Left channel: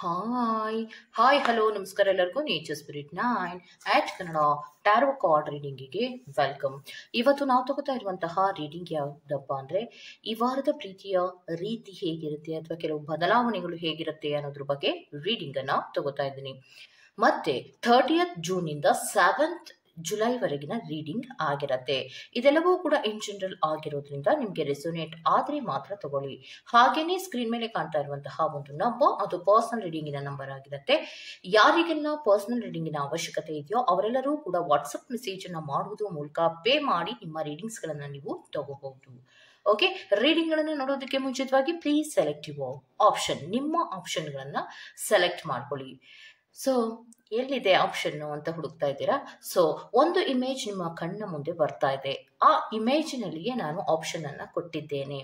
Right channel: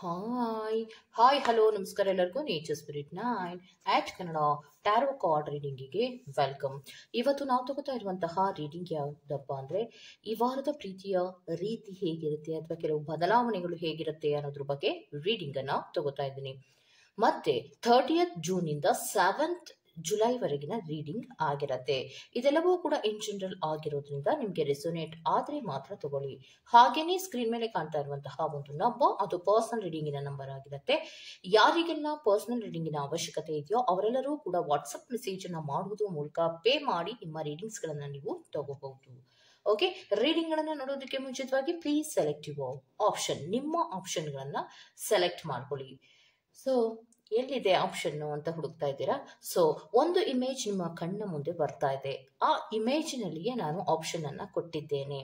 Hi hi hello ನಮಸ್ಕಾರ ಎಲ್ಲರಿಗೂ nature spirit 9 ಆಟ್ Kannada tarot card ರೀಡಿಂಗಿಗೆ welcome. ಇವತ್ತು ನಾವು ತಗೋತಾ ಇರುವಂತಹ ರೀಡಿಂಗ್ ಯಾವುದಪ್ಪ ಅಂದರೆ ಈ ವಾರದ ಪ್ರೀತಿಯ ರೀತಿ ಹೇಗಿರುತ್ತೆ ಅಥವಾ ಕೆಲವು ಬದಲಾವಣೆಗಳು ಹೇಗಿರುತ್ತೆ ಅನ್ನೋದ್ರ ಬಗ್ಗೆ ರೀಡಿಂಗನ್ನು ತಗೋತಾ ಇದ್ದೀನಿ. ಮತ್ತೆ 30th ಜೂನಿಂದ 7th ಜುಲೈವರೆಗಿನ ರೀಡಿಂಗ್ ಆಗಿರತ್ತೆ. ಇದೆಲ್ಲವೂ ಕೂಡ ಇನ್ ಜನರಲ್ ಆಗಿರೋದ್ರಿಂದ ನಿಮಗೆ ರೆಸೊನೇಟ್ ಆದರೆ ಮಾತ್ರ ತಗೊಳ್ಳಿ. ಹಾಗೇನೆ ಸ್ಕ್ರೀನ್ ಮೇಲೆ ಕಾಣ್ತಾ ಇರುವಂತಹ ಒಂದು ನಂಬರ್ ಅದು ಪರ್ಸನಲ್ ರೀಡಿಂಗಿನ ನಂಬರ್ ಆಗಿರುತ್ತೆ. ಯಾರಿಗೆಲ್ಲ ಪರ್ಸನಲ್ ರೀಡಿಂಗಿನ ಅವಶ್ಯಕತೆ ಇದೆಯೋ ಅವರೆಲ್ಲರೂ ಕೂಡ ವಾಟ್ಸಪ್ ಮೆಸೇಜ್ ಅನ್ನ ಮಾಡುವುದರ ಮೂಲಕ ಪೇ ಮಾಡಿ ನಿಮ್ಮ ರೀಡಿಂಗ್ಸ್ ಗಳನ್ನ ನೀವು ತಗೋಬಹುದು. ಓಕೆ, ರೀಡಿಂಗ್ ಗಳನ್ನ ನೋಡೋದಕ್ಕೆ ಮುಂಚಿತವಾಗಿ ಪ್ಲೀಸ್ ಸೆಲೆಕ್ಟ್ ಯುವರ್ ಆಪ್ಷನ್. ನಿಮ್ಮ ಆಪ್ಷನ್ ಗಳನ್ನ ಸೆಲೆಕ್ಟ್ ಮಾಡ್ಕೊಳ್ಳಿ. ಸೊ ಎಲ್ಲಿದೆ ಆಪ್ಷನ್ ಅಂತ ಹುಡುಕ್ತಾ ಇದ್ದೀರಾ? ಸೊ ಒಂದು ಇಮೇಜ್ ನಿಮ್ಮ ಕಣ್ಣ ಮುಂದೆ ಬರ್ತಾ ಇದೆ. ಆ ಇಮೇಜಿನಲ್ಲಿಯೇ ನಾನು ಆಪ್ಷನ್ ಅನ್ನ ಕೊಟ್ಟಿದ್ದೇನೆ.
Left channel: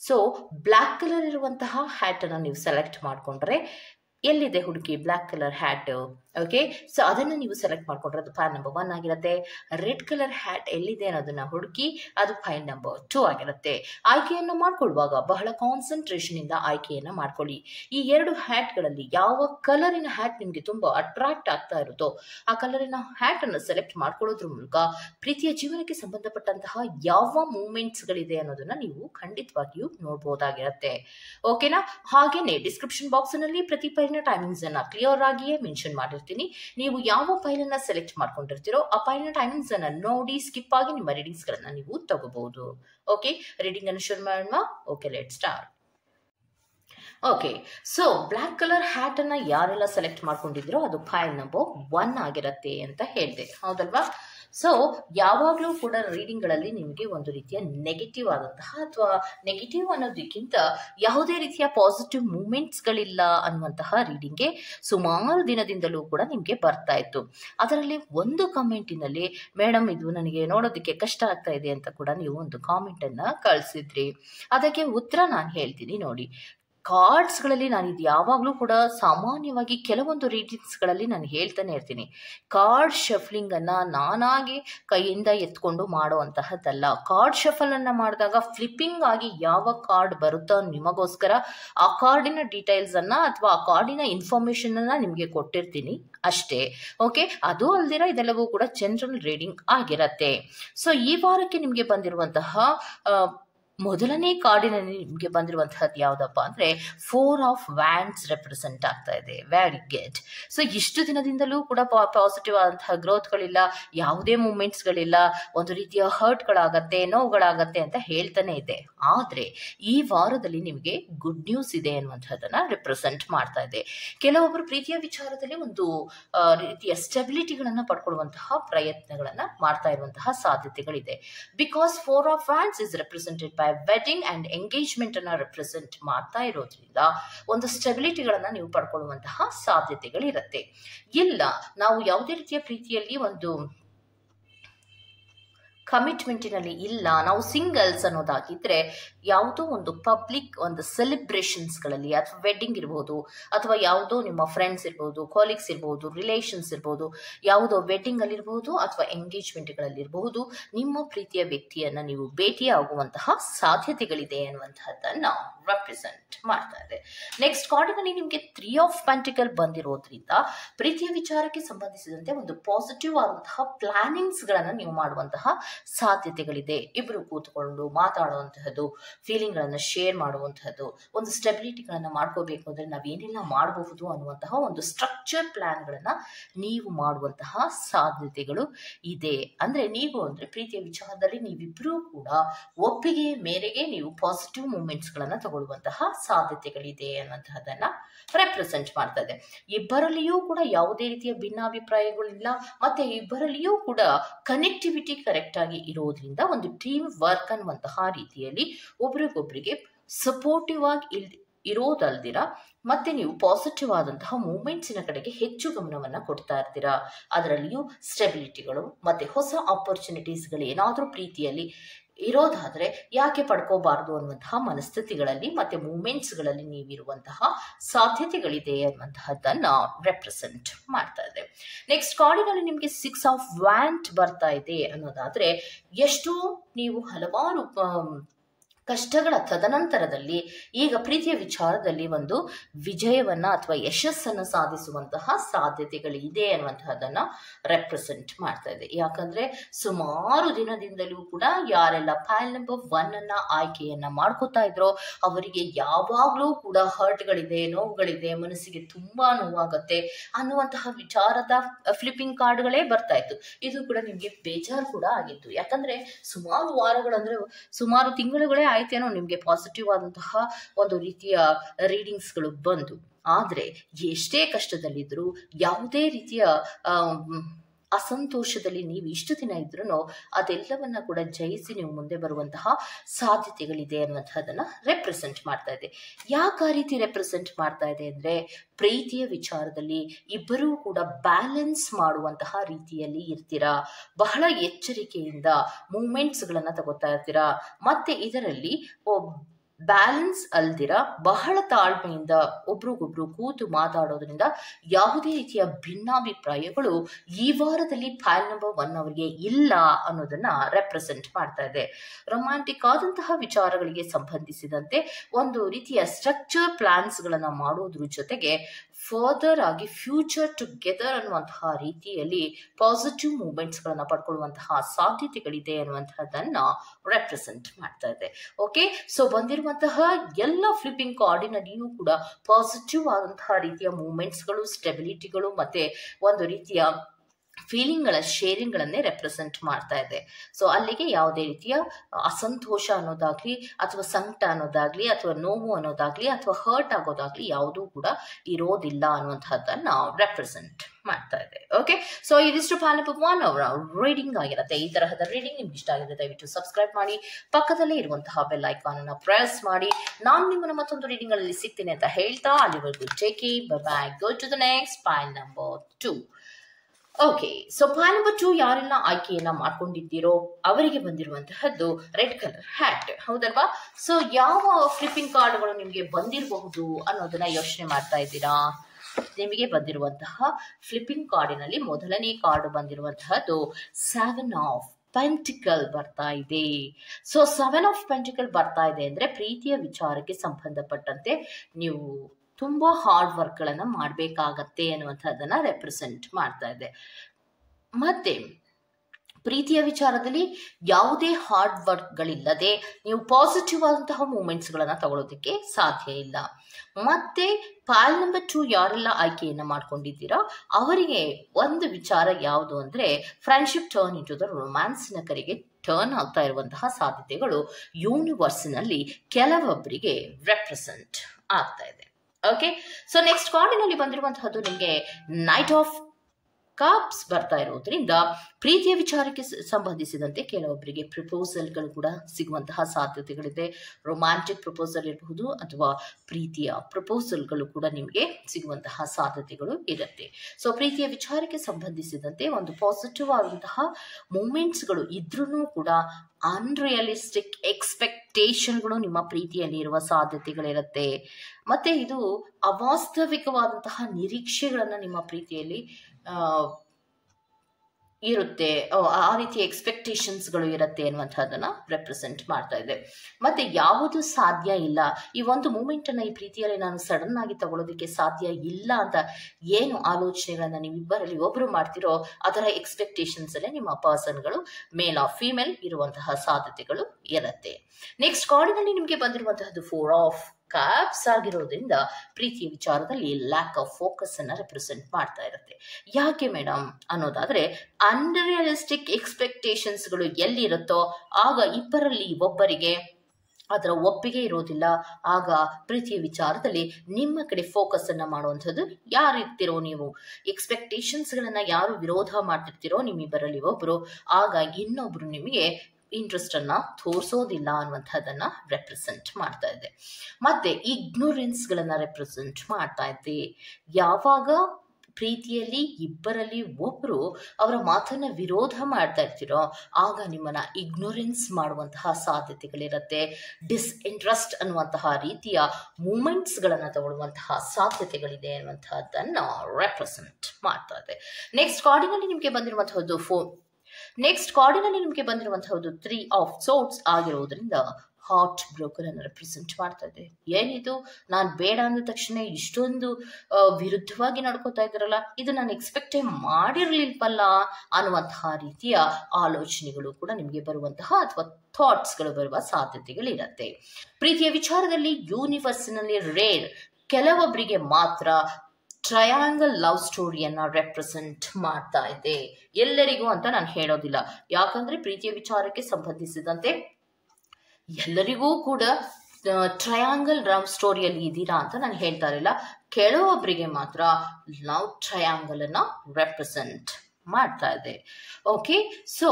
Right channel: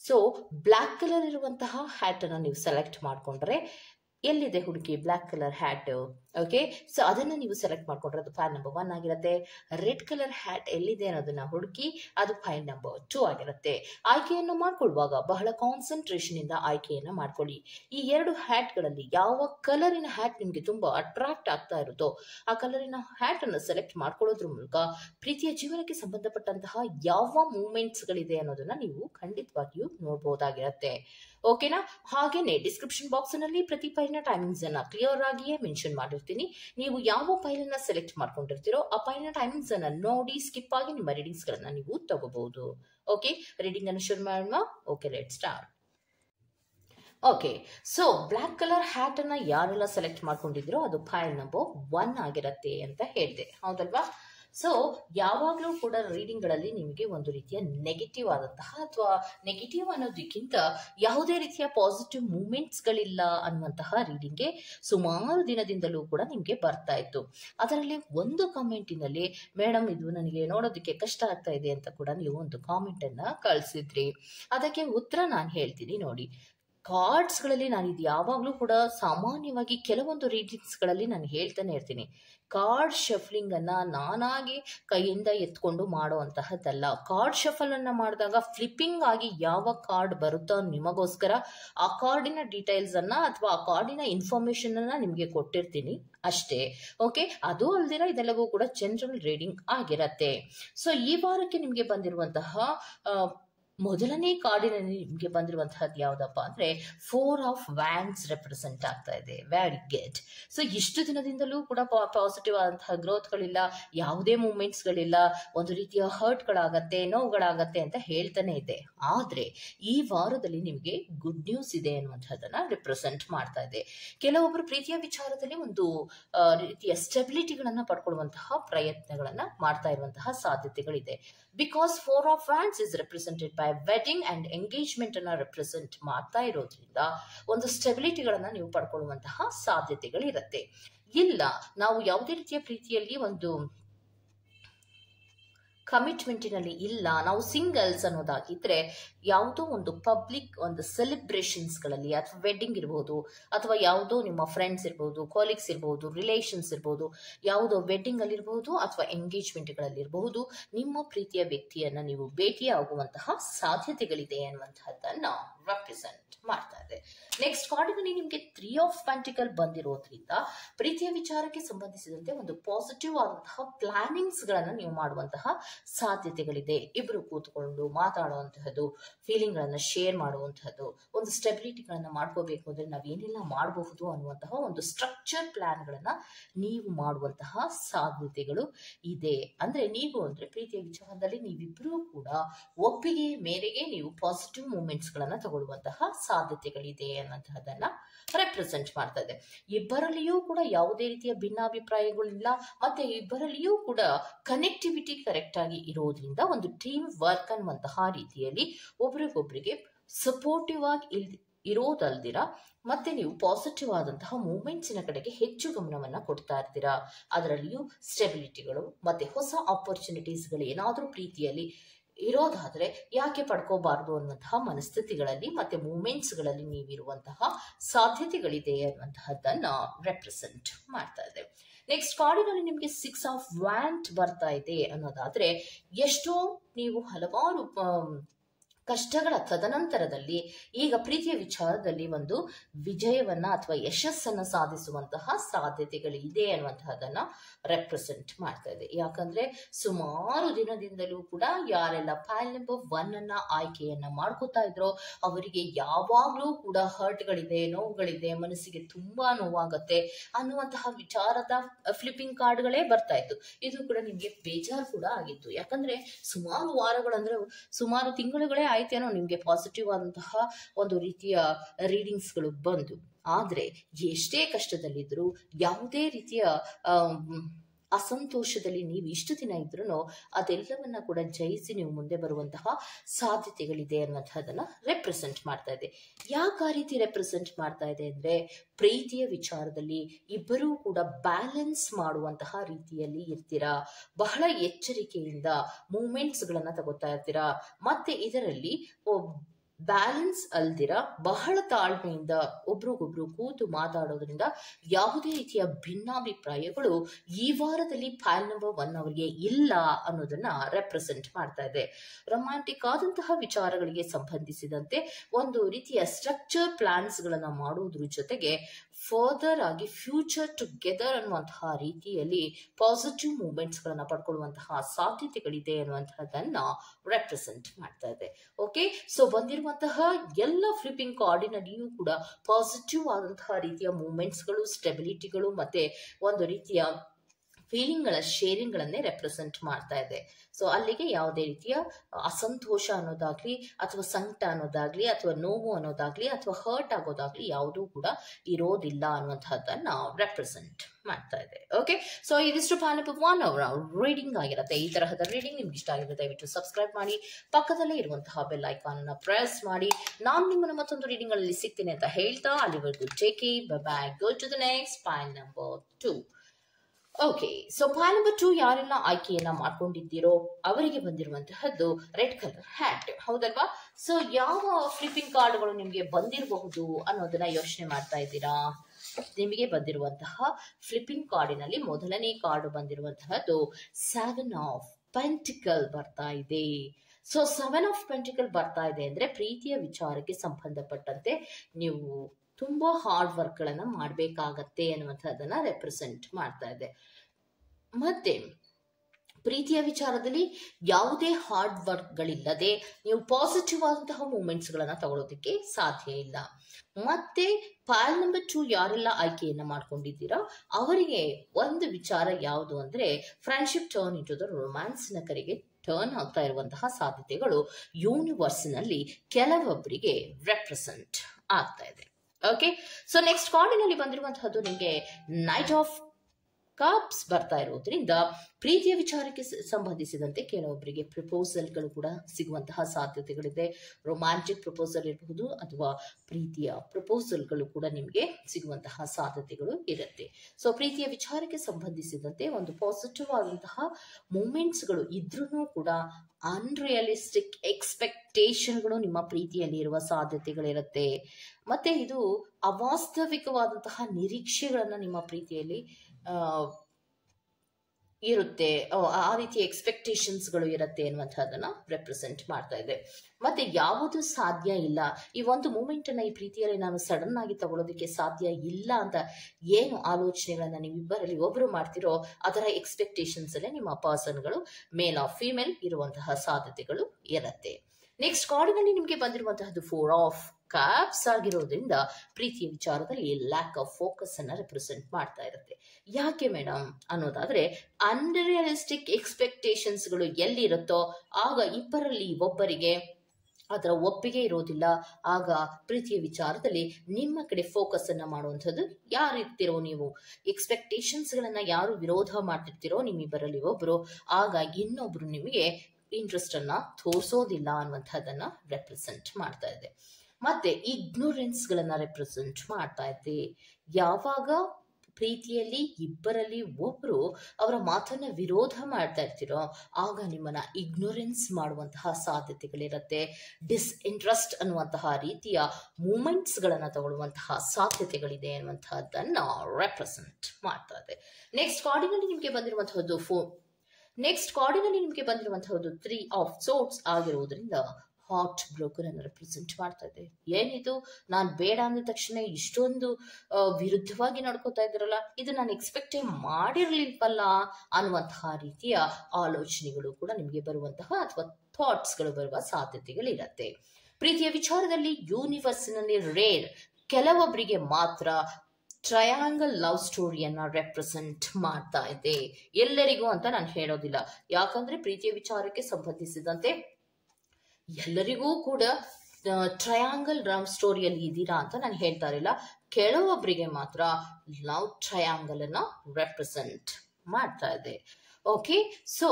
ಸೊ ಬ್ಲ್ಯಾಕ್ ಕಲರ್ ಇರುವಂತಹ ಹ್ಯಾಟ್ ಅನ್ನ ನೀವು ಸೆಲೆಕ್ಟ್ ಮಾಡ್ಕೊಂಡ್ರೆ ಎಲ್ಲಿದೆ ಹುಡುಕಿ black colour hat. Okay, so ಅದನ್ನು ನೀವು ಸೆಲೆಕ್ಟ್ ಮಾಡ್ಕೊಂಡ್ರೆ ಅದು ಫೈಲ್ ನಂಬರ್ 1 ಆಗಿರುತ್ತೆ. ರೆಡ್ ಕಲರ್ ಹ್ಯಾಟ್ ಎಲ್ಲಿದೆ ಅನ್ನೋದನ್ನ ಹುಡುಕಿ ಅದು ಫೈಲ್ ನಂಬರ್ 2 ಆಗಿರುತ್ತೆ. ಆಯ್ಕೆಯನ್ನು ಮಾಡ್ಕೊಳ್ಳುವಾಗ ಬಹಳ ಕಾನ್ಸಂಟ್ರೇಷನ್ ಇಂದ ಆಯ್ಕೆಯನ್ನ ಮಾಡ್ಕೊಳ್ಳಿ. ಈ ಎರಡು ಹ್ಯಾಟ್ಗಳಲ್ಲಿ ಯಾವ ಕಲರಿನ ಹ್ಯಾಟ್ ನಿಮ್ಗೆ ತುಂಬಾ ಅಟ್ರಾಕ್ಟ್ ಆಗ್ತಾ ಇರುತ್ತೋ ಆ ಕಲರಿನ ಹ್ಯಾಟ್ ಅನ್ನು ಸೆಲೆಕ್ಟ್ ಮಾಡ್ಕೊಳ್ಳೋದ್ರ ಮೂಲಕ ಪ್ರೀತಿಯ ಜೀವನಕ್ಕೆ ಸಂಬಂಧಪಟ್ಟಂತಹ ಯಾವ ಮೂವ್ಮೆಂಟ್ಸ್ ಗಳಿದೆ ಅನ್ನೋದನ್ನ ನೀವು ಖಂಡಿತವಾಗಿಯೂ ನೋಡಬಹುದಾಗಿರುತ್ತೆ. ಓಕೆನಾ? ಹಾಗೇನೆ ಡಿಸ್ಕ್ರಿಪ್ಷನ್ ಬಾಕ್ಸ್ ನಲ್ಲಿ ಪ್ರತಿ ಫೈಲ್ನ ಟೈಮಿಂಗ್ಸ್ ಅನ್ನ ಕ್ಲಿಯರ್ ಆಗಿಯೇ ಮೆನ್ಷನ್ ಮಾಡಿರ್ತೀನಿ. ನೀವು ಯಾವ ಫೈಲ್ ಅನ್ನ ಸೆಲೆಕ್ಟ್ ಮಾಡ್ಕೊಂಡಿರ್ತೀರೋ ಆ ಫೈಲ್ನ ಟೈಮಿಂಗ್ಸ್ ಅನ್ನ ನೋಡಿ ಸ್ಕಿಪ್ ಆಗಿ ನಿಮ್ಮ ರೀಡಿಂಗ್ಸ್ ಗಳನ್ನ ನೀವು ತಗೋಬಹುದು. ಓಕೆ, ರೀಡಿಂಗ್ ಅನ್ನು ಶುರು ಮಾಡೋಣ. Okay, let start. Okay, so black colour hat ಅನ್ನ ಯಾರೆಲ್ಲ ಸೆಲೆಕ್ಟ್ ಮಾಡ್ಕೊಂಡಿದ್ರೋ ಅದು ಫೈಲ್ ನಂಬರ್ 1 ಆಗಿರತ್ತೆ ಅಂತ ಹೇಳಿದೆ, ಹೌದಲ್ವಾ? ಸೊ ಯಾವಾಗಲೂ ಕೂಡ ರೀಡಿಂಗ್ ಗಳಲ್ಲಿ ನಿಮಗೆ ಒಂದು ರೀತಿಯ ನೆಗೆಟಿವ್ ಆದಂತಹ ಅಥವಾ ನೆಗೆಟಿವ್ ಅನ್ನೋದಕ್ಕಿಂತ ಯಾವುದೇ ರೀತಿಯ ಪಾಸಿಟಿವ್ ಮೂಮೆಂಟ್ಸ್ ಗಳಿಲ್ಲ ಅನ್ನುವಂತಹ ರೀಡಿಂಗ್ಗೆ ಸುಮಾರು ದಿನದಿಂದಲೂ ಕೂಡ ನಿಮಗೆ ಬರ್ತಾ ಇತ್ತು. ಅದರಲ್ಲಿ ಒಂದು ಕಮೆಂಟಿನಲ್ಲಿ ಮೇಡಮ್ ಇದು ನನಗೆ ನೋಡೋದಕ್ಕೆ ಕಷ್ಟ ಆಗ್ತಾ ಇದೆ ಅಂತ ಕೂಡ ನೀವು ಒಂದು ಕಾಮೆಂಟ್ ಅನ್ನ ಕಳಿಸಿದ್ರಿ. ಅದಕ್ಕೆ ಉತ್ತರ ನಾನು ಹೇಳ್ತೀನಿ ನೋಡಿ. ಕಾರ್ಡ್ಸ್ ಗಳಲ್ಲಿ ನಾನು ಇದು ಯಾವಾಗಲೂ ಕೂಡ ಸಾಮಾನ್ಯವಾಗಿ ಕೆಲವೊಂದು ರೀಡಿಂಗ್ಸ್ ಗಳಲ್ಲಿ ನಾನು ಹೇಳ್ತಾನೆ ಇರ್ತೀನಿ, ಕಾರ್ಡ್ ಶಫ್ಲಿಂಗ್ ಅನ್ನ ನಾನಾಗಿ ಕೈಯಿಂದ ಎತ್ಕೊಂಡು ಮಾಡುವಂತಹದ್ದಲ್ಲ. ಕಾರ್ಡ್ ಶಫಲ್ ಅನ್ನ ಮಾಡಿದಾಗ ಫ್ಲಿಪ್ಪಿಂಗ್ ಆಗಿ ಯಾವ ಕಾರ್ಡ್ ಬರುತ್ತೋ ನಿಮಗೋಸ್ಕರ ಆ ಕಾರ್ಡಿನ ಡೀಟೇಲ್ಸ್ ಅನ್ನ ಅಥವಾ ಆ ಕಾರ್ಡಿನ ಇನ್ಫಾರ್ಮೇಶನ್ ಅನ್ನ ನಿಮ್ಗೆ ಕೊಟ್ಟಿರ್ತೀನಿ ಅಷ್ಟೇ. ಓಕೆ, ಅದು ಅಲ್ದಿರ ಇದೆಲ್ಲವೂ ಕೂಡ ಜನರಲ್ ರೀಡಿಂಗ್ ಆಗಿರತ್ತೆ. ಸೊ ಈ ವಾರಕ್ಕೆ ನಿಮ್ಗೆ ಬಂದಿರುವಂತಹ ಮೊದಲನೇ ಕಾರ್ಡಿನಲ್ಲಿ ನಿಮಗೆ ಬಂದಿರುವಂತಹದ್ದು ಯಾವುದಪ್ಪ ಅಂದ್ರೆ 4 ಆಫ್ ವ್ಯಾಂಡ್ಸ್ ರೆಪ್ರೆಸೆಂಟ್ ಆಗ್ತಾ ಇದೆ. Very good. ಸೊ ಇಷ್ಟು ದಿನದಿಂದಲೂ ಕೂಡ ಪಾಸಿಟಿವ್ ಆದಂತಹ ಗ್ರೋತ್ಗಳಿಲ್ಲ, ಯಾವುದೇ ಮೂವ್ಮೆಂಟ್ಸ್ ಗಳಿಲ್ಲ, ಒಂದು ರೀತಿಯ ಹರ್ಟ್ಗಳಾಗತ್ತೆ, ನೋವುಗಳಾಗತ್ತೆ ಅಂತ ಹೇಳ್ತಾನೆ ಇದೆ. ಆದ್ರೆ ಈ ವಾರದಲ್ಲಿ ನಿಮಗೆ ಗುಡ್ ನ್ಯೂಸ್ ಇದೆ ಅನ್ನುವಂಥದ್ದನ್ನ ರೆಪ್ರೆಸೆಂಟ್ ಮಾಡ್ತಾ ಇದೆ. ಕೆಲವೊಬ್ಬರು ಪ್ರೀತಿಯ ವಿಚಾರದಲ್ಲಿ ಒಂದು ರೀತಿಯ ಸ್ಟೆಬಿಲಿಟಿಗಳನ್ನ ಪಡ್ಕೊಳ್ಳುವಂತಹ ಪ್ರಯತ್ನಗಳನ್ನ ಮಾಡ್ತಾ ಇರುವಂತಹ ಸಾಧ್ಯತೆಗಳಿದೆ. Because 4 of wands is represented by wedding and engagement ಅನ್ನ ರೆಪ್ರೆಸೆಂಟ್ ಮಾಡ್ತಾ ಇರೋದ್ರಿಂದ ಒಂದು ಸ್ಟೆಬಿಲಿಟಿಗಳನ್ನ ನೀವು ಪಡ್ಕೊಳ್ಳುವಂತಹ ಸಾಧ್ಯತೆಗಳಿರುತ್ತೆ. ಇಲ್ಲ ನಾವು ಯಾವುದೇ ರೀತಿಯ ಪ್ರೀತಿಯಲ್ಲಿ ಒಂದು ಕಮಿಟ್ಮೆಂಟಿನಲ್ಲಿ ಇಲ್ಲ, ನಾವು ಸಿಂಗಲ್ಸ್ ಅನ್ನೋದಾಗಿದ್ರೆ ಯಾವುದೋ ಒಂದು ಪಬ್ಲಿಕ್ ಒಂದು ಸೆಲೆಬ್ರೇಷನ್ಸ್ ಗಳಲ್ಲಿ ಅಥವಾ ವೆಡ್ಡಿಂಗ್ ಇರಬಹುದು ಅಥವಾ ಯಾವುದೋ ನಿಮ್ಮ ಫ್ರೆಂಡ್ಸ್ ಇರಬಹುದು, ಕಾಲೀಗ್ಸ್ ಇರಬಹುದು, ರಿಲೇಷನ್ಸ್ ಇರಬಹುದು, ಯಾವುದೋ ವೆಡ್ಡಿಂಗ್ ಅಲ್ಲಿ ಇರಬಹುದು ಅಥವಾ ಎಂಗೇಜ್ಮೆಂಟ್ ಗಳಲ್ಲಿ ಇರಬಹುದು, ನಿಮ್ಮ ಪ್ರೀತಿಯ ವ್ಯಕ್ತಿಯನ್ನ ನೀವು ಭೇಟಿಯಾಗುವಂತಹ ಸಾಧ್ಯತೆಗಳಿದೆ ಅನ್ನುವಂತಹದ್ದನ್ನ ರೆಪ್ರೆಸೆಂಟ್ ಮಾಡ್ತಾ ಇದೆ. ನೆಕ್ಸ್ಟ್ ಕಾರ್ಡಿನಲ್ಲಿ ನಿಮಗೆ 3 ಆಫ್ ಪೆಂಟಿಕಲ್ ಬಂದಿರೋದ್ರಿಂದ ಪ್ರೀತಿಯ ವಿಚಾರಕ್ಕೆ ಸಂಬಂಧಿಸಿದಂತೆ ಒಂದು ಪಾಸಿಟಿವ್ ಆದಂತಹ ಪ್ಲಾನಿಂಗ್ಸ್ ಗಳನ್ನ ನೀವು ಮಾಡುವಂತಹ ಸಾಧ್ಯತೆಗಳಿದೆ. ಇಬ್ರು ಕೂತ್ಕೊಂಡು ಮಾತಾಡುವಂತಹದ್ದು, ಫೀಲಿಂಗ್ ಗಳನ್ನ ಶೇರ್ ಮಾಡುವಂತಹದ್ದು, ಒಂದು ಸ್ಟೆಬಿಲಿಟಿಗಳನ್ನ ಮಾಡ್ಕೋಬೇಕು ಅಂದ್ರೆ ನಾವೇನೆಲ್ಲ ಮಾಡಬಹುದು ಅನ್ನುವಂತಹ ಒಂದು ಸ್ಟ್ರಕ್ಚರ್ ಪ್ಲಾನ್ ಗಳನ್ನ ನೀವು ಮಾಡುವಂತಹ ಸಾಧ್ಯತೆಗಳು ಇದೆ. ಅಂದ್ರೆ ನೀವು ಅಂದ್ರೆ ಪ್ರೀತಿಯ ವಿಚಾರದಲ್ಲಿ ನೀವಿಬ್ರು ಕೂಡ ಒಪ್ಪಿಗೆ ಮೇರೆಗೆ ನೀವು ಪಾಸಿಟಿವ್ ಮೂವ್ಮೆಂಟ್ಸ್ ಗಳನ್ನ ತಗೊಳ್ಳುವಂತಹ ಸಾಧ್ಯತೆಗಳಿದೆ ಅನ್ನುವಂತಹದನ್ನ ರೆಪ್ರೆಸೆಂಟ್ ಮಾಡ್ತಾ ಇದೆ. ಇಬ್ಬರಲ್ಲಿಯೂ ಕೂಡ ಯಾವುದೇ ರೀತಿಯ ಭಿನ್ನಾಭಿಪ್ರಾಯಗಳಿಲ್ಲ, ಮತ್ತೆ ಇಬ್ಬರಲ್ಲಿಯೂ ಕೂಡ ಕನೆಕ್ಟಿವಿಟಿ ಕರೆಕ್ಟ್ ಆಗಿ ಇರುವುದರಿಂದ ಒಂದು ಟೀಮ್ ವರ್ಕ್ ಅನ್ನುವಂತಹ ರೀತಿಯಲ್ಲಿ ಒಬ್ರಿಗೊಬ್ರಿಗೆ ಸಪೋರ್ಟಿವ್ ಆಗಿ ಇರೋದಲ್ದಿರ ಮತ್ತೆ ನೀವು ಪಾಸಿಟಿವ್ ಆದಂತಹ ಮೂವ್ಮೆಂಟ್ಸಿನ ಕಡೆಗೆ ಹೆಚ್ಚು ಗಮನವನ್ನ ಕೊಡ್ತಾ ಇರ್ತೀರಾ. ಅದರಲ್ಲಿಯೂ ಸ್ಟೆಬಿಲಿಟಿಗಳು ಮತ್ತೆ ಹೊಸ ಆಪರ್ಚುನಿಟೀಸ್ಗಳು ಏನಾದ್ರೂ ಪ್ರೀತಿಯಲ್ಲಿ ಇರೋದಾದ್ರೆ ಯಾಕೆ ಪಡ್ಕೋಬಾರದು ಅನ್ನುವಂತಹ ಮನಸ್ಥಿತಿಗಳಲ್ಲಿ ಮತ್ತೆ ಮೂವ್ಮೆಂಟ್ಸ್ ಗಳಲ್ಲಿ ನೀವಿರುವಂತಹ ಸಾಧ್ಯತೆಗಳಿದೆ ಅನ್ನುವಂತಹದ್ದನ್ನ ರೆಪ್ರೆಸೆಂಟ್ ಮಾಡ್ತಾ ಇದೆ. ನೆಕ್ಸ್ಟ್ ಕಾರ್ಡಿನಲ್ಲಿ ನಿಮ್ಗೆ 6 ಆಫ್ ವ್ಯಾಂಡ್ ಬರ್ತಾ ಇದೆ ಅನ್ನೋದಾದ್ರೆ ಎಷ್ಟೋ ನೀವು ಹಲವಾರು ಕಷ್ಟಗಳ ತದನಂತರದಲ್ಲಿ ಈಗ ಪ್ರೀತಿಯ ವಿಚಾರದಲ್ಲಿ ಒಂದು ವಿಜಯವನ್ನ ಅಥವಾ ಯಶಸ್ಸನ್ನು ಸಾಧಿಸುವಂತಹ ಸಾಧ್ಯತೆಗಳಿದೆ ಅನ್ನುವಂತಹದನ್ನ ರೆಪ್ರೆಸೆಂಟ್ ಮಾಡ್ತಾ ಇದೆ. ಯಾಕಂದ್ರೆ ಸುಮಾರು ದಿನದಿಂದಲೂ ಕೂಡ ಯಾರೆಲ್ಲ ಪೈಲ್ ನಂಬರ್ 1 ಅನ್ನ ಆಯ್ಕೆಯನ್ನ ಮಾಡ್ಕೋತಾ ಇದ್ರೋ ಅವರಿಗೆ ಯಾವಾಗ್ಲೂ ಕೂಡ ಹರ್ಟ್ಗಳಿದೆ, ನೋವುಗಳಿದೆ, ಮನಸ್ಸಿಗೆ ತುಂಬಾ ನೋವಾಗತ್ತೆ ಅನ್ನುವಂತಹ ವಿಚಾರದ ಫ್ಲಿಪ್ಪಿಂಗ್ ಕಾರ್ಡ್ಗಳೇ ಬರ್ತಾ ಇತ್ತು. ಇದು ಕೂಡ ನಿಮ್ಗೆ ಬೇಜಾರು ಕೂಡ ಆಗಿತ್ತು. ಯಾಕಂದ್ರೆ ಸುಮಾರು ವಾರಗಳಂದ್ರೆ ಸುಮಾರು ತಿಂಗಳುಗಳೇ ಆಯ್ತೇನೋ ನಿಮ್ಗೆ ಪಾಸಿಟಿವ್ ಆದಂತಹ ಒಂದು ರೀತಿಯ ರೀಡಿಂಗ್ಸ್ಗಳು ಬಂದು. ಆದ್ರೆ ಎಷ್ಟೇ ಕಷ್ಟದಲ್ಲಿದ್ರು, ಯಾವುದೇ ರೀತಿಯ ಅಸಂತೋಷದಲ್ಲಿ ನೀವು ಇಷ್ಟು ದಿನ ಇದ್ರೂ ಅದೆಲ್ಲವನ್ನ ಕೂಡ ಜಯಿಸಿ ನೀವು ಮುಂದೆ ಬರುವಂತಹ ಸಾಧ್ಯತೆಗಳಿದೆ ಅನ್ನುವಂಥದ್ದನ್ನ ರೆಪ್ರೆಸೆಂಟ್ ಮಾಡ್ತಾ ಇದೆ. ಯಾಕೆ ಆ ರೀತಿ ರೆಪ್ರೆಸೆಂಟ್ ಮಾಡ್ತಾ ಇದೆ ಅಂದ್ರೆ, ಪ್ರೀತಿಯ ವಿಚಾರದಲ್ಲಿ ಇಬ್ಬರೂ ಕೂಡ ಬ್ಯಾಲೆನ್ಸ್ ಮಾಡುವಂತಹ ರೀತಿಯಲ್ಲಿ ಇರ್ತೀರಾ. ಬಹಳ ಎಚ್ಚರಿಕೆಯಿಂದ ಮೂಮೆಂಟ್ಸ್ ಗಳನ್ನ ತಗೋತಾ ಇರ್ತೀರಾ. ಮತ್ತೆ ಇದರಲ್ಲಿ ಬ್ಯಾಲೆನ್ಸ್ ಅಲ್ದಿರ ಬಹಳ ತಾಳ್ಮೆಯಿಂದ ಒಬ್ರಿಗೊಬ್ರು ಕೂತು ಮಾತಾಡೋದ್ರಿಂದ ಯಾವುದೇ ರೀತಿಯ ಭಿನ್ನಾಭಿಪ್ರಾಯಗಳು ಈ ವಾರದಲ್ಲಿ ಪೈಲ್ ನಂಬರ್ 1 ಅವರಿಗೆ ಇಲ್ಲ ಅನ್ನೋದನ್ನ ರೆಪ್ರೆಸೆಂಟ್ ಮಾಡ್ತಾ ಇದೆ. ರೊಮ್ಯಾಂಟಿಕ್ ಆದಂತಹ ವಿಚಾರಗಳಿಗೆ ಸಂಬಂಧಿಸಿದಂತೆ ಒಂದು ರೀತಿಯ ಸ್ಟ್ರಕ್ಚರ್ ಪ್ಲಾನ್ಸ್ ಗಳನ್ನ ಮಾಡೋದ್ರ ಜೊತೆಗೆ ಫರ್ದರ್ ಆಗಿ ಫ್ಯೂಚರ್ ಟುಗೆದರ್ ಅನ್ನುವಂತಹ ರೀತಿಯಲ್ಲಿ ಪಾಸಿಟಿವ್ ಮೂವ್ಮೆಂಟ್ಸ್ ಗಳನ್ನ ಪಡ್ಕೊಳ್ಳುವಂತಹ ಸಾಧ್ಯತೆಗಳಿದೆ ಅನ್ನುವಂತಹದನ್ನ ರೆಪ್ರೆಸೆಂಟ್ ಮಾಡ್ತಾ ಇದೆ. ಓಕೆ, ಸೊ ಬಂದಿರುವಂತಹ ಎಲ್ಲ ಫ್ಲಿಪ್ಪಿಂಗ್ ಕಾರ್ಡಿನಲ್ಲಿಯೂ ಕೂಡ ಪಾಸಿಟಿವ್ ಆದಂತಹ ರೀತಿಯ ಮೂವ್ಮೆಂಟ್ಸ್ ಗಳು, ಸ್ಟೆಬಿಲಿಟಿಗಳು ಮತ್ತೆ ಒಂದು ರೀತಿಯ ಫೀಲಿಂಗ್ ಗಳ ಶೇರಿಂಗ್ ಗಳನ್ನೇ ರೆಪ್ರೆಸೆಂಟ್ ಮಾಡ್ತಾ ಇದೆ. ಸೊ ಅಲ್ಲಿಗೆ ಯಾವುದೇ ರೀತಿಯ ಅಸಂತೋಷ ಅನ್ನೋದಾಗ್ಲಿ ಅಥವಾ ಸಂಕಟ ಅನ್ನೋದಾಗ್ಲಿ ಅಥವಾ ನೋವು ಅನ್ನೋದಾಗ್ಲಿ ಅಥವಾ ಹರ್ಟ್ ಆಗೋದಾಗ್ಲಿ ಯಾವುದೂ ಕೂಡ ಇರೋದಿಲ್ಲ ಅನ್ನುವಂಥದ್ದನ್ನ ರೆಪ್ರೆಸೆಂಟ್ ಮಾಡ್ತಾ ಇದೆ. ಓಕೆ, ಸೊ ಇದಿಷ್ಟು ಪೈಲ್ ನಂಬರ್ 1 ಅವರ ರೀಡಿಂಗ್ ಆಗಿರುತ್ತೆ. ಈ ತರಹದ ರೀಡಿಂಗ್ ನಿಮ್ಗೆ ಇಷ್ಟ ಆಗಿದೆ ದಯವಿಟ್ಟು ಸಬ್ಸ್ಕ್ರೈಬ್ ಮಾಡಿ, ಪಕ್ಕದಲ್ಲೇ ಇರುವಂತಹ ಬೆಲ್ ಐಕಾನ್ ಅನ್ನ ಪ್ರೆಸ್ ಮಾಡಿ. ನಾನು ನಿಮ್ಮನ್ನ ಮತ್ತೊಂದು ರೀಡಿಂಗ್ ಅಲ್ಲಿ ಸಿಗ್ತೀನಿ ಅಂತ ಹೇಳ್ತಾ ಅಲ್ಲಿವರೆಗೂ take care, bye bye, go to the next pile number 2. Okay, so pile number 2 ಯಾರೆಲ್ಲ ಆಯ್ಕೆಯನ್ನ ಮಾಡ್ಕೊಂಡಿದ್ದೀರೋ ಅವರಿಗೆ ಬಂದಿರುವಂತಹದ್ದು ರೆಡ್ ಕಲರ್ ಹ್ಯಾಟ್, ಹೌದಲ್ವಾ? ಸೊ ಯಾವ ಫ್ಲಿಪ್ಪಿಂಗ್ ಕಾರ್ಡ್ಗಳು ನಿಮಗೆ ಬಂದಿರಬಹುದು ಅನ್ನೋದನ್ನ ಯೋಚನೆ ಮಾಡ್ತಾ ಇದ್ದೀರಾ? ನಿಮಗೆ ಬಂದಿರುವಂತಹ ಫ್ಲಿಪ್ಪಿಂಗ್ ಕಾರ್ಡಿನಲ್ಲಿ ಮೊದಲನೇ ಕಾರ್ಡ್ ಬಂದಿರುವಂತಹದ್ದು 7 ಆಫ್ ಪೆಂಟಿಕಲ್ ಬರ್ತಾ ಇದೆ. ಸೊ 7 ಆಫ್ ಪೆಂಟಿಕಲ್ ಬರ್ತಾ ಇದೆ ಅಂದ್ರೆ ಪ್ರೀತಿಯ ವಿಚಾರಕ್ಕೆ ಸಂಬಂಧಪಟ್ಟಂತೆ ನೀವು ತುಂಬಾ ಹಾರ್ಡ್ ವರ್ಕ್ ಗಳನ್ನ ಮಾಡ್ಬೇಕಾಗತ್ತೆ ಅನ್ನುವಂಥದ್ದನ್ನ ರೆಪ್ರೆಸೆಂಟ್ ಮಾಡ್ತಾ ಇದೆ. ಮತ್ತೆ ಪ್ರೀತಿಯ ವಿಚಾರದಲ್ಲಿ ಯಾವುದೇ ಹಾರ್ಡ್ ವರ್ಕ್ ಗಳಿಲ್ಲದೆ ನೀವು ಪಾಸಿಟಿವ್ ಆದಂತಹ ಮೂಮೆಂಟ್ಸ್ ಗಳನ್ನ ತಗೊಳ್ಳೋದಕ್ಕೆ ಸಾಧ್ಯ ಇಲ್ಲ. ಮತ್ತೆ ಪೈಲ್ ನಂಬರ್ 2 ಯಾರೆಲ್ಲ ಆಯ್ಕೆಯನ್ನ ಮಾಡ್ಕೊಂಡಿದ್ದೀರಾ ಅವರಿಗೆ ಒಂದು ವಿಚಾರ ಯಾವುದು ಅಂದ್ರೆ ಫ್ರೆಂಡ್ಶಿಪ್ ಟರ್ನ್ ಇಂಟು ದ ರೊಮ್ಯಾನ್ಸ್ನ ಕರೆಗೆ ಟರ್ನ್ ಆಗ್ತಾ ಇರುವಂತಹ ಸಾಧ್ಯತೆಗಳು ಯೂನಿವರ್ಸ್ನಲ್ಲಿ ಕೆಲವೊಬ್ಬರಿಗೆ ರೆಪ್ರೆಸೆಂಟ್ ಆಗ್ತಾ ಇದೆ. ಓಕೆ, ಸೊ ನೆಕ್ಸ್ಟ್ ಕಾರ್ಡಿನಲ್ಲಿ ಬಂದಿರುವಂತಹದ್ದು ನಿಮಗೆ ನೈಟ್ ಆಫ್ ಕಪ್ಸ್ ಬರ್ತಾ ಇರೋದ್ರಿಂದ ಪ್ರೀತಿಯ ವಿಚಾರಕ್ಕೆ ಸಂಬಂಧಿಸಿದಂತೆ ಕೆಲವೊಬ್ಬರಿಗೆ ಪ್ರಪೋಸಲ್ಗಳು ಕೂಡ ಸಿಗುವಂತಹ ಸಾಧ್ಯತೆಗಳಿದೆ. ರೊಮ್ಯಾಂಟಿಕ್ ಪ್ರಪೋಸಲ್ ಇರಬಹುದು ಅಥವಾ ಪ್ರೀತಿಯ ಪ್ರಪೋಸಲ್ಗಳು ಕೂಡ ನಿಮಗೆ ಸಿಗುವಂತಹ ಸಾಧ್ಯತೆಗಳು ಇರುತ್ತೆ. ಸೊ ಪ್ರೀತಿಯ ವಿಚಾರಕ್ಕೆ ಸಂಬಂಧಿಸಿದಂತೆ ಒಂದು ಪಾಸಿಟಿವ್ ಆದಂತಹ ಮೂಮೆಂಟ್ಸ್ಗಳು ಇದ್ರೂ ಕೂಡ ಅನ್ರಿಯಲಿಸ್ಟಿಕ್ ಎಕ್ಸ್ಪೆಕ್ಟೇಷನ್ಗಳು ನಿಮ್ಮ ಪ್ರೀತಿಯಲ್ಲಿ ಇರುವ ಸಾಧ್ಯತೆಗಳಿರುತ್ತೆ. ಮತ್ತೆ ಇದು ಅವಾಸ್ತವಿಕವಾದಂತಹ ನಿರೀಕ್ಷೆಗಳನ್ನ ನಿಮ್ಮ ಪ್ರೀತಿಯಲ್ಲಿ ಇರುತ್ತೆ, ಆ ರೀತಿಯ ಎಕ್ಸ್ಪೆಕ್ಟೇಷನ್ಸ್ಗಳು ಇರುತ್ತೆ ಅನ್ನುವಂಥದ್ದನ್ನ ರೆಪ್ರೆಸೆಂಟ್ ಮಾಡ್ತಾ ಇದೆ. ಮತ್ತೆ ಯಾವುದು ಸಾಧ್ಯ ಇಲ್ಲ, ಈ ಒಂದು ಮೂಮೆಂಟ್ ಅನ್ನ ಈ ಪ್ರೀತಿಯಲ್ಲಿ ನಾನು ಸಡನ್ ಆಗಿ ತಗೊಳ್ಳೋದಕ್ಕೆ ಸಾಧ್ಯ ಇಲ್ಲ ಅಂತ ಏನು ಆಲೋಚನೆಗಳನ್ನ ನೀವಿಬ್ಬರಲ್ಲಿ ಒಬ್ರು ಮಾಡ್ತಿರೋ ಅದರ ಎಕ್ಸ್ಪೆಕ್ಟೇಷನ್ಸ್ ಅಲ್ಲೇ ನಿಮ್ಮ ಪರ್ಸನ್ಗಳು ಮೇಲ್ ಆಫ್ ಫೀಮೇಲ್ ಇರುವಂತಹ ಸಾಧ್ಯತೆಗಳು ಇರುತ್ತೆ. ನೆಕ್ಸ್ಟ್ ಕಾರ್ಡಿನಲ್ಲಿ ನಿಮಗೆ ಬಂದಿರುವಂತಹದ್ದು 4 ಆಫ್ ಕಪ್ಸ್ ಆಗಿರೋದ್ರಿಂದ ಪ್ರೀತಿಯ ವಿಚಾರದಲ್ಲಿ ಲ್ಯಾಕ್ ಆಫ್ ಫೋಕಸ್ ಅನ್ನ ರೆಪ್ರೆಸೆಂಟ್ ಮಾಡ್ತಾ ಇರುತ್ತೆ. ಯಾಕೆ ಮೇಡಮ್ ಅನ್ನೋದಾದ್ರೆ ಅನ್ರಿಯಲಿಸ್ಟಿಕ್ ಎಕ್ಸ್ಪೆಕ್ಟೇಷನ್ಸ್ ಗಳು ಎಲ್ಲಿರುತ್ತೋ ಆಗ ಇಬ್ಬರಲ್ಲಿ ಒಬ್ಬರಿಗೆ ಅದರ ಒಪ್ಪಿಗೆ ಇರೋದಿಲ್ಲ. ಆಗ ಪ್ರೀತಿಯ ವಿಚಾರದಲ್ಲಿ ನಿಮ್ಮ ಕಡೆ ಫೋಕಸ್ ಅನ್ನ ಮಾಡುವಂಥದ್ದು ಯಾರಿರ್ತಿರೋ, ನೀವು ಎಕ್ಸ್ಪೆಕ್ಟೇಷನ್ಸ್ ಗಳನ್ನ ಯಾರು ವಿರೋಧ ಮಾಡ್ತಿರ್ತಿರೋ ನಿಮ್ಮಿಬ್ಬರಲ್ಲಿ ಒಬ್ರು, ಆಗ ಇನ್ನೊಬ್ರು ನಿಮಗೆ ಇಂಟ್ರೆಸ್ಟ್ ಅನ್ನ ತೋರಿಸೋದಿಲ್ಲ ಅನ್ನುವಂಥದ್ದನ್ನ ರೆಪ್ರೆಸೆಂಟ್ ಮಾಡ್ತಾ ಇದೆ. ಮತ್ತೆ ಇಗ್ನೋರೆನ್ಸ್ ಗಳನ್ನ ರೆಪ್ರೆಸೆಂಟ್ ಮಾಡ್ತಾ ಇದೆ. ಯಾವಾಗ ಪ್ರೀತಿಯಲ್ಲಿ ಇಬ್ಬರಲ್ಲಿ ಒಬ್ರು ಅವರ ಮಾತನ್ನ ವಿರೋಧ ಮಾಡ್ತಾ ಇರ್ತಿರೋ ಆಗ ನಿಮ್ಮನ್ನ ಇಗ್ನೋರೆನ್ಸ್ ಮಾಡುವಂತಹ ಸಾಧ್ಯತೆಗಳಿರುತ್ತೆ. ಡಿಸ್ಇಂಟ್ರೆಸ್ಟ್ ಅನ್ನುವಂತಹ ರೀತಿಯ ಮೂಮೆಂಟ್ಸ್ ಗಳನ್ನ ತಗೊಳ್ಳುವಂತಹ ಸಾಧ್ಯತೆಗಳಿದೆ ಅನ್ನುವಂತಹದ್ದನ್ನ ರೆಪ್ರೆಸೆಂಟ್ ಮಾಡ್ತಾ ಇದೆ. ನೆಕ್ಸ್ಟ್ ಕಾರ್ಡಿನಲ್ಲಿ ನಿಮಗೆ ಬಂದಿರುವಂತಹದ್ದು 3 ಆಫ್ ಸೋರ್ಟ್ಸ್ ಆಗಿರೋದ್ರಿಂದ ಹಾರ್ಟ್ ಬ್ರೋಕನ್ ಅನ್ನು ರೆಪ್ರೆಸೆಂಟ್ ಮಾಡ್ತಾ ಇದೆ. ಏನಿದು, ನಾನು ಬೇಡ ಅಂದ ತಕ್ಷಣ ಇಷ್ಟೊಂದು ವಿರುದ್ಧವಾಗಿ ನಡ್ಕೋತಾ ಇದ್ದಾರಲ್ಲ, ಇದು ನಾನು ಎಕ್ಸ್ಪೆಕ್ಟೇ ಮಾಡಿರ್ಲಿಲ್ವಲ್ಲ ಅನ್ನುವಂತಹ ರೀತಿಯ ಆಲೋಚನೆಗಳು ಕೂಡ ನಿಮಗೆ ಬರುವಂತಹ ಅಥವಾ ಥಾಟ್ಸ್ಗಳು ಬರುವ ಸಾಧ್ಯತೆಗಳಿರುತ್ತೆ. ಪ್ರೀತಿಯ ವಿಚಾರದಲ್ಲಿ ಯೂನಿವರ್ಸಿನಲ್ಲಿ ರೇರ್, ಕೆಲವೊಬ್ಬರಿಗೆ ಮಾತ್ರ ಟ್ರಯಾಂಗಲ್ ಲವ್ ಸ್ಟೋರಿಯನ್ನ ರೆಪ್ರೆಸೆಂಟ್ ಮಾಡ್ತಾ ಇದೆ. ಎಲ್ಲರಿಗೂ ಅಂತ ನಾನು ಹೇಳೋದಿಲ್ಲ, ಯಾಕಂದ್ರೆ ಪ್ರೀತಿಯ ವಿಚಾರಕ್ಕೆ ಸಂಬಂಧಿಸಿದಂತೆ ಎಲ್ಲರಿಗೂ ಕೂಡ ಟ್ರಯಾಂಗಲ್ ಲವ್ ಸ್ಟೋರಿಯಲ್ಲಿ ಇದ್ದೀರಾ ಅಂತ ನಾನು ಹೇಳ್ತಾ ಇರಲಿಲ್ಲ. ಕೆಲವೊಬ್ಬರಿಗೆ ಮಾತ್ರ ಲವ್ ಟ್ರಯಾಂಗಲ್ ಅನ್ನ ರೆಪ್ರೆಸೆಂಟ್ ಮಾಡ್ತಾ ಇದೆ. ಓಕೆ, ಸೊ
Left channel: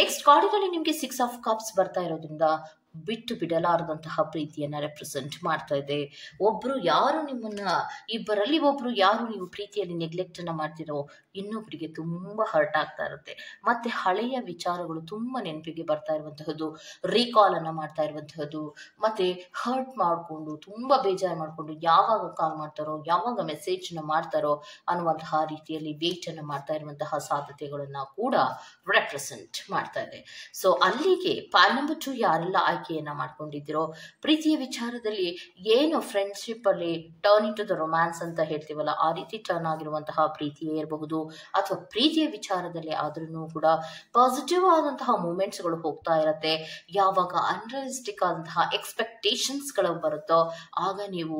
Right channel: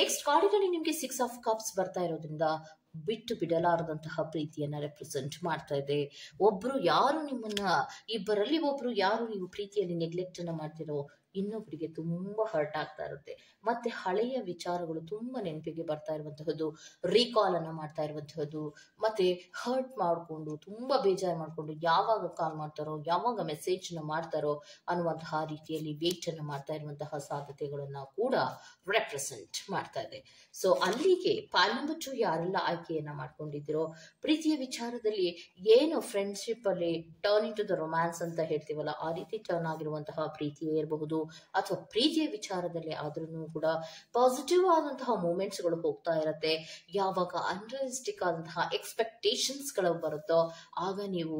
ನೆಕ್ಸ್ಟ್ ಕಾರ್ಡಿನಲ್ಲಿ ನಿಮಗೆ 6 ಆಫ್ ಕಪ್ಸ್ ಬರ್ತಾ ಇರೋದ್ರಿಂದ ಬಿಟ್ಟು ಬಿಡಲಾರದಂತಹ ಪ್ರೀತಿಯನ್ನ ರೆಪ್ರೆಸೆಂಟ್ ಮಾಡ್ತಾ ಇದೆ. ಒಬ್ರು ಯಾರು ನಿಮ್ಮನ್ನ, ಇಬ್ಬರಲ್ಲಿ ಒಬ್ರು ಯಾರು ನೀವು ಪ್ರೀತಿಯಲ್ಲಿ ನೆಗ್ಲೆಕ್ಟ್ ಅನ್ನ ಮಾಡ್ತಿರೋ ಇನ್ನೊಬ್ಬರಿಗೆ ತುಂಬಾ ಹರ್ಟ್ ಆಗ್ತಾ ಇರುತ್ತೆ. ಮತ್ತೆ ಹಳೆಯ ವಿಚಾರಗಳು ತುಂಬಾ ನೆನಪಿಗೆ ಬರ್ತಾ ಇರುವಂತಹದ್ದು, ರೀಕಾಲ್ ಅನ್ನ ಮಾಡ್ತಾ ಇರುವಂತಹದ್ದು, ಮತ್ತೆ ಹರ್ಟ್ ಮಾಡಿಕೊಂಡು ತುಂಬಾ ಬೇಜಾರು ಮಾಡಿಕೊಂಡು ಯಾವಾಗ ಕಾಲ್ ಮಾಡ್ತಾರೋ, ಯಾವಾಗ ಮೆಸೇಜ್ ನ ಮಾಡ್ತಾರೋ ಅನ್ನುವಂತಹ ರೀತಿಯಲ್ಲಿ ವೇಟ್ ಅನ್ನ ಮಾಡ್ತಾ ಇರುವಂತಹ ಸಾಧ್ಯತೆಗಳನ್ನ ಕೂಡ ರೆಪ್ರೆಸೆಂಟ್ ಮಾಡ್ತಾ ಇದೆ. ಸೊ ಅಲ್ಲಿಗೆ ಪಾಯಿಂಟ್ ನಂಬರ್ 2 ಯಾರೆಲ್ಲ ಆಯ್ಕೆಯನ್ನ ಮಾಡ್ಕೊಂಡಿದ್ದೀರೋ, ಪ್ರೀತಿಯ ವಿಚಾರದಲ್ಲಿ ಏನು ಫ್ರೆಂಡ್ಶಿಪ್ ಅಲ್ಲಿ turn into the romance ಅಂತ ಹೇಳ್ತೀವಲ್ಲ, ಆ ರೀತಿ ಟರ್ನ್ ಆಗಿರುವಂತಹ ಪ್ರೀತಿಯೇ ಇರಬಹುದು, ಅಥವಾ ಪ್ರೀತಿಯ ವಿಚಾರದಲ್ಲಿ ಆದ್ರೂ ಕೂಡ ಪಾಸಿಟಿವ್ ಆದಂತಹ ಮೂಮೆಂಟ್ಸ್ ಗಳು ಹೋಗ್ತಾ ಇರತ್ತೆ. ಯಾವಾಗ ಅನ್ರಿಯಲಿಸ್ಟಿಕ್ ಆದಂತಹ ಎಕ್ಸ್ಪೆಕ್ಟೇಷನ್ಸ್ ಗಳು ಬರುತ್ತೋ ಆಗ ನೀವು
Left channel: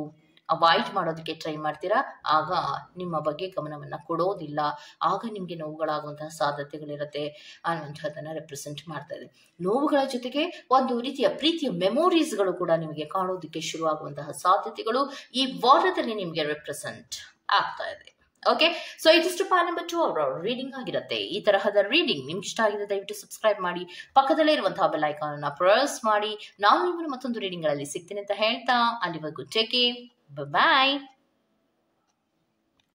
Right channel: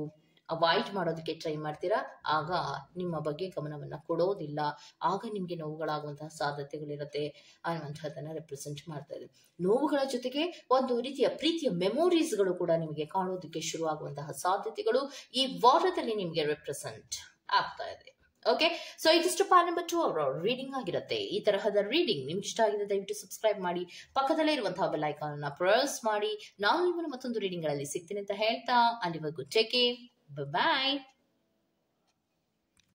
ಅವಾಯ್ಡ್ ಮಾಡೋದಕ್ಕೆ ಟ್ರೈ ಮಾಡ್ತೀರಾ, ಆಗ ನಿಮ್ಮ ಬಗ್ಗೆ ಗಮನವನ್ನ ಕೊಡೋದಿಲ್ಲ, ಆಗ ನಿಮ್ಗೆ ನೋವುಗಳಾಗುವಂತಹ ಸಾಧ್ಯತೆಗಳಿರುತ್ತೆ ಅನ್ನುವಂಥದ್ದನ್ನ ರೆಪ್ರೆಸೆಂಟ್ ಮಾಡ್ತಾ ಇದೆ. ನೋವುಗಳ ಜೊತೆಗೆ ಒಂದು ರೀತಿಯ ಪ್ರೀತಿಯ ಮೆಮೊರೀಸ್ಗಳು ಕೂಡ ನಿಮಗೆ ಕಾಣೋದಕ್ಕೆ ಶುರುವಾಗುವಂತಹ ಸಾಧ್ಯತೆಗಳು ಈ ವಾರದಲ್ಲಿ ನಿಮಗೆ ರೆಪ್ರೆಸೆಂಟ್ ಆಗ್ತಾ ಇದೆ. ಓಕೆ, ಸೊ ಇದಿಷ್ಟು ಪಾರ್ಟ್ ನಂಬರ್ 2 ಅವರ ರೀಡಿಂಗ್ ಆಗಿರುತ್ತೆ. ಈ ತರಹದ ರೀಡಿಂಗ್ ನಿಮ್ಗೆ ಇಷ್ಟ ಆಗಿದೆ ದಯವಿಟ್ಟು ಸಬ್ಸ್ಕ್ರೈಬ್ ಮಾಡಿ, ಪಕ್ಕದಲ್ಲೇ ಇರುವಂತಹ ಬೆಲ್ ಐಕಾನ್ ಅನ್ನ ಪ್ರೆಸ್ ಮಾಡಿ. ನಾನು ನಿಮ್ಮನ್ನು ಮತ್ತೊಂದು ರೀಡಿಂಗ್ ಗಳಲ್ಲಿ ಸಿಗ್ತೀನಿ ಅಂತ ಹೇಳ್ತಾ, ಅಲ್ಲಿವರೆಗೂ ಟೇಕ್ ಕೇರ್, ಬಾಯ್.